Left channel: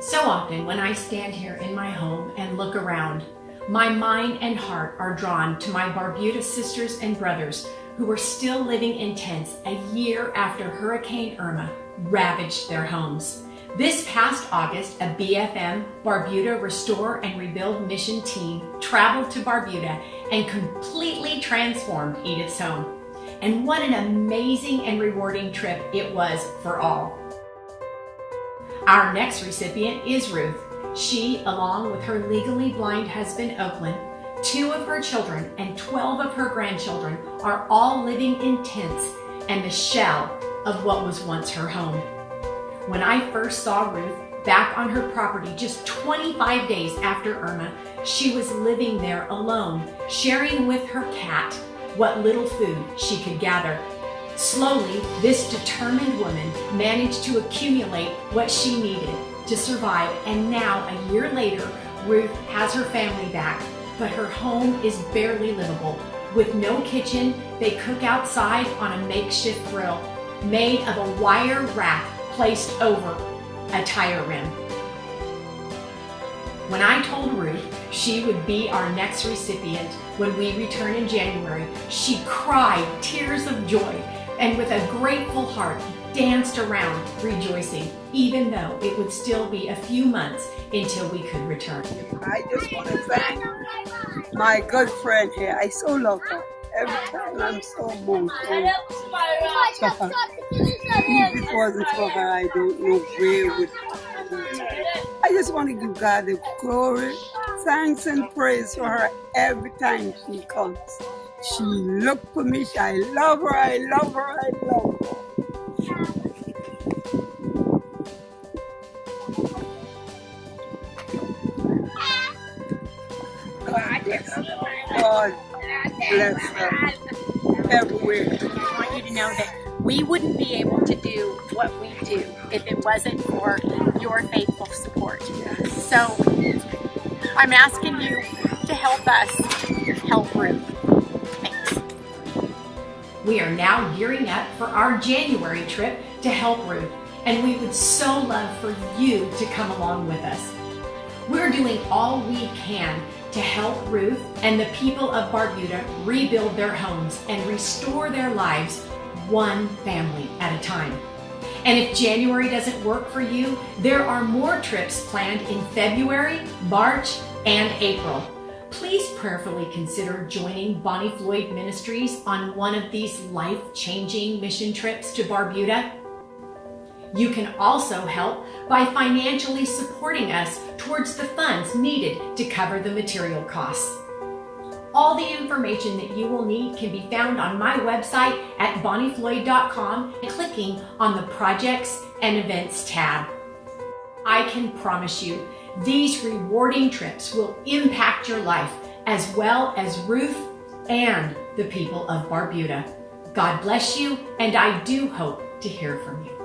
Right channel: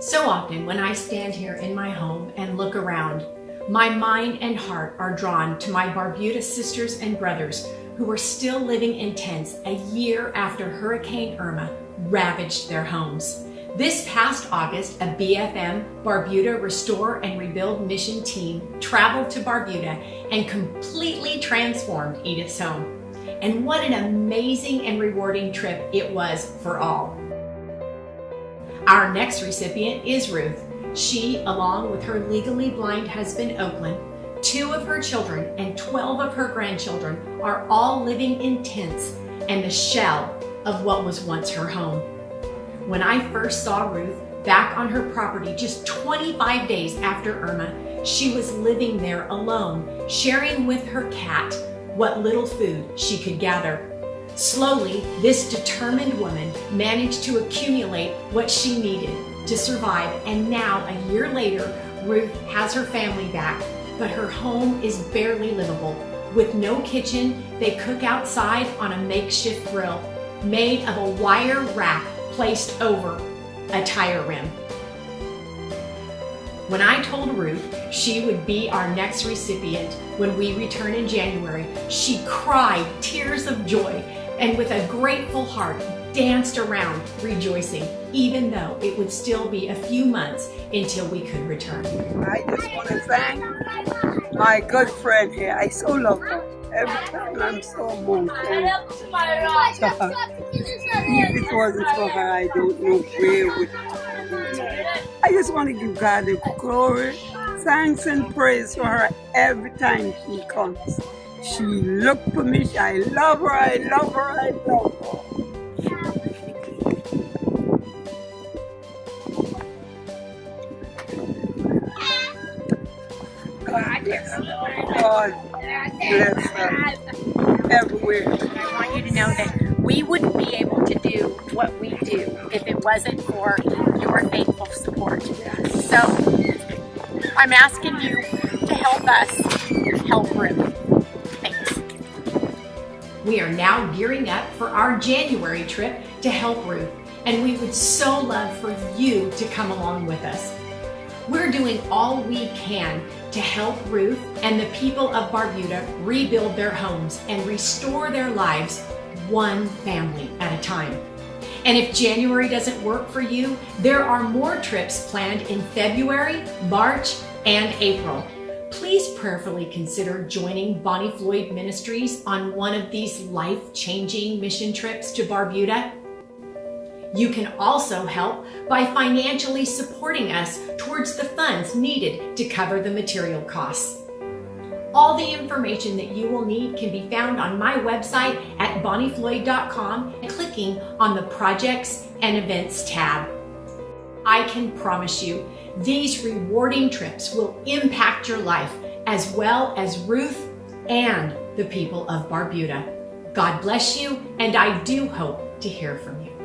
So often when I stand here in my home and look around, my mind and heart are drawn to my Barbuda sisters and brothers who are still living in tents a year after Hurricane Irma ravaged their homes. This past August, a BFM Barbuda Restore and Rebuild mission team traveled to Barbuda and completely transformed Edith's home. And what an amazing and rewarding trip it was for all. Our next recipient is Ruth. She, along with her legally blind husband, Oakland, 2 of her children, and 12 of her grandchildren are all living in tents and the shell of what was once her home. When I first saw Ruth back on her property just 25 days after Irma, she was living there alone, sharing with her cat what little food she could gather. Slowly, this determined woman managed to accumulate what she needed to survive, and now, a year later, Ruth has her family back, but her home is barely livable. With no kitchen, they cook outside on a makeshift grill made of a wire rack placed over a tire rim. When I told Ruth she would be our next recipient when we return in January, she cried tears of joy and with a grateful heart danced around rejoicing, even though it would still be a few months until we could return. I just want to thank my good friend here. I so love her. Every time I'm so moved. And if it wasn't for her, I don't know where would I just want to give God the glory, thanks and praise for her every time she comes. She looked for me. I love her. I love her. I love her. God bless her everywhere. I want you to know that we wouldn't be able to do what we do if it wasn't for your faithful support. So I'm asking you to help us help Ruth. Thanks. We are now gearing up for our January trip to help Ruth, and we would so love for you to come along with us. We're doing all we can to help Ruth and the people of Barbuda rebuild their homes and restore their lives one family at a time. And if January doesn't work for you, there are more trips planned in February, March, and April. Please prayerfully consider joining Bonnie Floyd Ministries on one of these life-changing mission trips to Barbuda. You can also help by financially supporting us towards the funds needed to cover the material costs. All the information that you will need can be found on my website at bonniefloyd.com and clicking on the Projects and Events tab. I can promise you, these rewarding trips will impact your life as well as Ruth and the people of Barbuda. God bless you, and I do hope to hear from you.